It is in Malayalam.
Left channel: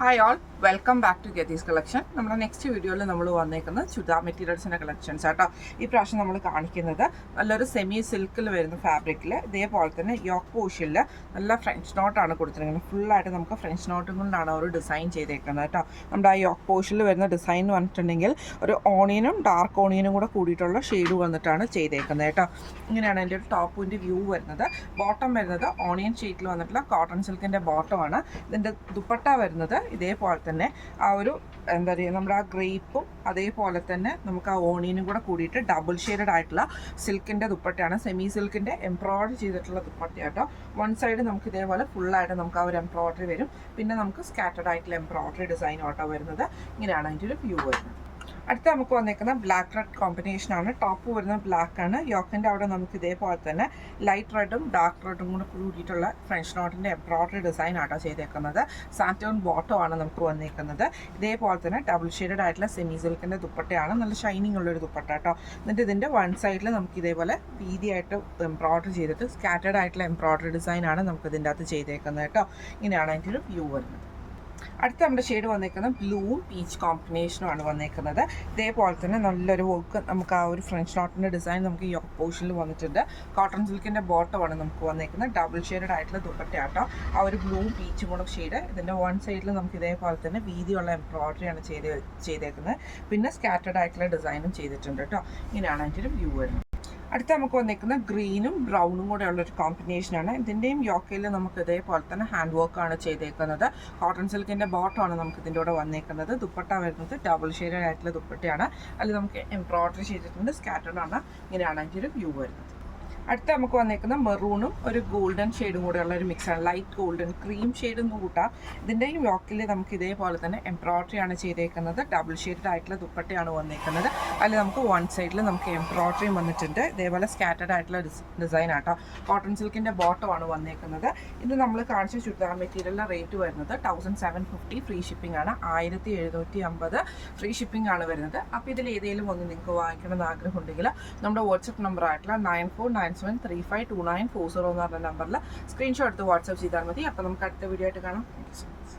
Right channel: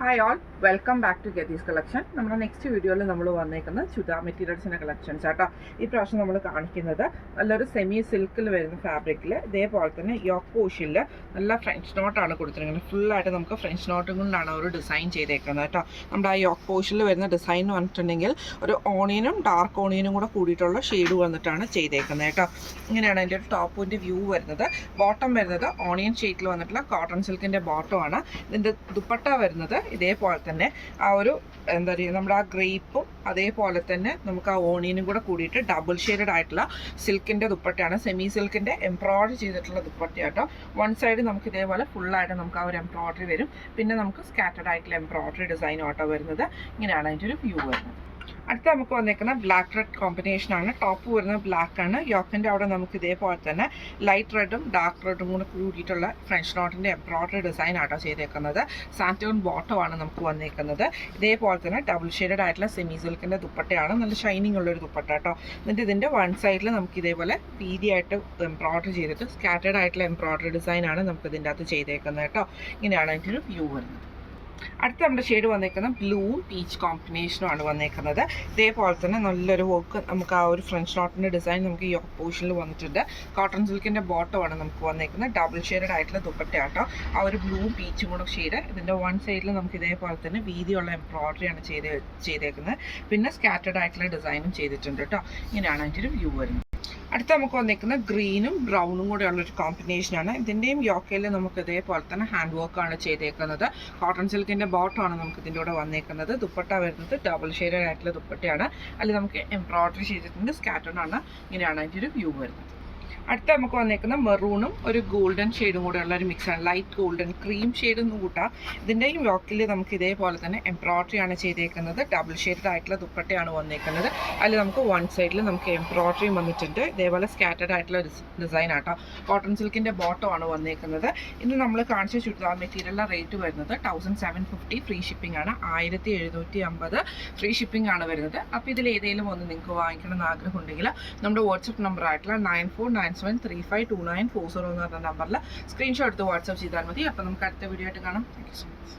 Hi all, welcome back to ഗെതീസ് കളക്ഷൻ. നമ്മുടെ നെക്സ്റ്റ് വീഡിയോയിൽ നമ്മൾ വന്നേക്കുന്നത് ചുരിദാർ മെറ്റീരിയൽസിൻ്റെ കളക്ഷൻസ് ആട്ടോ. ഈ പ്രാവശ്യം നമ്മൾ കാണിക്കുന്നത് നല്ലൊരു സെമി സിൽക്കിൽ വരുന്ന ഫാബ്രിക്കിൽ ഇതേപോലെ തന്നെ യോക്ക് പോഷിൽ നല്ല ഫ്രഞ്ച് നോട്ടാണ് കൊടുത്തിരിക്കുന്നത്. ഫുള്ളായിട്ട് നമുക്ക് ഫ്രഞ്ച് നോട്ടും കൊണ്ടാണ് ഒരു ഡിസൈൻ ചെയ്തേക്കുന്നത് കേട്ടോ. നമ്മുടെ ആ യോക്ക് പോഷിൽ വരുന്ന ഡിസൈൻ എന്ന് പറഞ്ഞിട്ടുണ്ടെങ്കിൽ ഒരു ഓണിയനും ഡാർക്ക് ഓണിയനും കൂടെ കൂടിയിട്ടുള്ള ഷെയ്ഡ് വന്നിട്ടാണ് ചെയ്തേക്കുന്നത് കേട്ടോ. ഇങ്ങനെയാണ് അതിൻ്റെ ഒരു ടോപ്പിൻ്റെ വ്യൂ വരുന്നത്. ബോട്ടം വരുന്നത് ഓണിയൻ ഷെയ്ഡിൽ വന്നിട്ടുള്ള കോട്ടൺ സിൽക്കിൻ്റെ ബോട്ടമാണ്. ഇതിൻ്റെ ദുപ്പട്ട വരുന്നത് ഇതേപോലെ തന്നെ ആ ഒരു എന്താ പറയുക, നമ്മുടെ ആ ഗ്രേപ്പും അതേപോലെ തന്നെ നമുക്ക് ആ ഓണിയനും കൂടെ കൂടിയിട്ട് ഡബിൾ ഷെയ്ഡഡ് ആയിട്ടുള്ള സിൽക്കിൻ്റെ ദുപ്പട്ടയാണ്. സെമി സിൽക്കിൻ്റെ എംബ്രോയിഡറി ചെയ്തിട്ടുള്ള ദുപ്പട്ടയാട്ടോ. വൺ സൈഡ് നമുക്ക് ഇതേപോലെ ഫുള്ളായിട്ട് നമുക്ക് ആ ഒരു എംബ്രോയിഡറി വരും. പിന്നെ നമുക്ക് സ്കാറ്റർഡ് ആയിട്ടുള്ള എംബ്രോയിഡറി ഡിസൈൻ ആട്ടോ വരുന്നത്. ഇങ്ങനെയാണ് അതിൻ്റെ ഒരു വ്യൂ വരുന്നത്. അടുത്ത നമുക്ക് വന്നേക്കുന്ന ബ്ലാക്ക് റെഡ് കോമ്പിനേഷനാണ്. ടോപ്പ് വരുന്നത് ബ്ലാക്ക് ആണ്. യോക്കിൻ്റെ അവിടെ നമുക്ക് ഇതേപോലെ തന്നെ ലൈറ്റ് റെഡും ഡാർക്ക് റെഡും കൂടെ കൂടിയിട്ടുള്ള ഫ്രഞ്ച് നോട്ടിൻ്റെ എംബ്രോയിഡറി ഡിസൈൻ ആട്ടോ ചെയ്തേക്കുന്നത്. സാൻറ്റോൺ ബോട്ടമാണ് നമുക്ക് വന്നേക്കുന്നത്. ഇതേപോലെ തന്നെ ഡബിൾ ഷെയ്ഡഡ് ആയിട്ടുള്ള സെമി സിൽക്കിൻ്റെ ദുപ്പട്ടയാണ്. നല്ല ഷൈനിങ് ഉള്ളൊരു ദുപ്പട്ട കേട്ടോ. എന്നിട്ട് ഇതിൻ്റെ വൺ സൈഡിൽ നമുക്ക് ഇതേപോലെ വീതിയായിട്ട് എംബ്രോയിഡറി ചെയ്തിട്ട് സ്കാറ്റേഡ് ആയിട്ടുള്ള എംബ്രോയിഡറി ഡിസൈനാണ് നമുക്ക് ഇതിൻ്റെ അകത്ത് ചെയ്തേക്കുന്നത് കേട്ടോ. ഇങ്ങനെയാണ് അതിൻ്റെ ഒരു വ്യൂ വരുന്നത്. അടുത്ത നമ്മുടെ ഷെയ്ഡ് വന്നേക്കുന്നത് ബ്ലൂവും പീച്ച് കോമ്പിനേഷനുമാണ് വന്നേക്കുന്നത്. ഇതേപോലെ തന്നെ നല്ലൊരു വർക്ക് നമുക്ക് ആ ഒരു ഫ്രഞ്ച് നോട്ടിൻ്റെ ഡിസൈൻ നമുക്ക് ഈ പോർഷനിൽ വന്നിട്ടുണ്ട്. കോട്ടൺ സിൽക്കിൻ്റെ ബോട്ടമാണ് നമുക്ക് വന്നേക്കുന്നത്. ഡബിൾ ഷെയ്ഡഡ് ആയിട്ടുള്ള ദുപ്പട്ടയാട്ടോ. ആ ഒരു ബ്ലൂ പീച്ചും കൂടെ ഷെയ്ഡ്. ഇതിൻ്റെ വൺ സൈഡിൽ നമുക്ക് ഇതേപോലെ തന്നെ വീതിയുള്ള എംബ്രോയിഡറിയാണ് ചെയ്തേക്കുന്നത്. പിന്നെ സ്കാറ്റേഡ് ആയിട്ടുള്ള ഡിസൈനും ചെയ്തിട്ടുണ്ട് കേട്ടോ. ഇങ്ങനെയാണ് അതിൻ്റെ ഒരു വ്യൂ വരുന്നത്. അടുത്ത നമുക്ക് വന്നിരിക്കുന്ന ഗ്രീനും ബ്രൗണും കൂടെ ഉള്ളൊരു കോമ്പിനേഷനാണ്. ഇതിൻ്റെയും യോക്കയിൽ നമുക്ക് ഇതേപോലെ തന്നെ ഹാൻഡ് വർക്കാണ് ചെയ്തേക്കുന്നത്. കോട്ടൺ സിൽക്കിൻ്റെ ബോട്ടമാണ് നമുക്ക് ഇതിൻ്റെ കൂടെ വന്നേക്കുന്നത്. ദുപ്പട്ട വരുന്നത് ഡബിൾ ഷെയ്ഡഡ് ആയിട്ടുള്ള ദുപ്പട്ടയാണ്. അതിൽ നമുക്ക് എംബ്രോയിഡറി ചെയ്തിട്ടുണ്ട്. സ്കാറ്റേഡ് ആണ്. ഇങ്ങനെയാണ് അതിൻ്റെ ഒരു വ്യൂ വരുന്നത്. അടുത്ത നമുക്ക് വന്നേക്കുന്ന മെറൂണും ഒരു ഗോൾഡൻ ഷെയ്ഡും കൂടെ ഉള്ള ഒരു മിക്സാണ്. ലൈറ്റ് ഗോൾഡൻ ക്രീം ഷെയ്ഡ് എന്ന് കൂട്ടാം. ഇതിൻ്റെയും യോക്കിൽ നമുക്ക് ഇതേപോലെ തന്നെ എംബ്രോയിഡറി ആണ് ചെയ്തേക്കുന്നത്. ഡബിൾ ഷെയ്ഡഡ് ആയിട്ടുള്ള ദുപ്പട്ടയാണ് വന്നേക്കുന്നത്. അതിൽ നമുക്ക് വൺ സൈഡിൽ നമുക്ക് എംബ്രോയിഡറിയും വന്നിട്ടുണ്ട്. ഇതേപോലെ സ്കാറ്റേഡ് ആയിട്ടുള്ള ഡിസൈൻ ആട്ടോ. കോട്ടൺ സിൽക്കിൻ്റെ ബോട്ടമാണ് വന്നേക്കുന്നത്. ഇന്ന് നമ്മൾ കാണിച്ച ചുരിദാർ മെറ്റീരിയലിൻ്റെ റേറ്റ് വരുന്നത് 1750 ഫ്രീ ഷിപ്പിംഗ് ആണ്. 1750 ഫ്രീ ഷിപ്പിംഗ് ആണ് വരുന്നത്. അപ്പോൾ ഇതിൽ ഏതെങ്കിലും ഒന്ന് നിങ്ങൾക്ക് വാങ്ങിക്കണം എന്ന് ആഗ്രഹം ഉണ്ടെങ്കിൽ നമ്മുടെ വാട്സപ്പ് നമ്പർ ആയിട്ടുള്ള 9497352940 എന്ന് പറഞ്ഞ നമ്പറിൽ സ്ക്രീൻഷോട്ട് എടുത്ത് വാട്സപ്പ് ചെയ്താൽ മതി. അപ്പോൾ നമുക്ക് അടുത്ത വീഡിയോ ആയിട്ട് കാണാം. Thank you so much.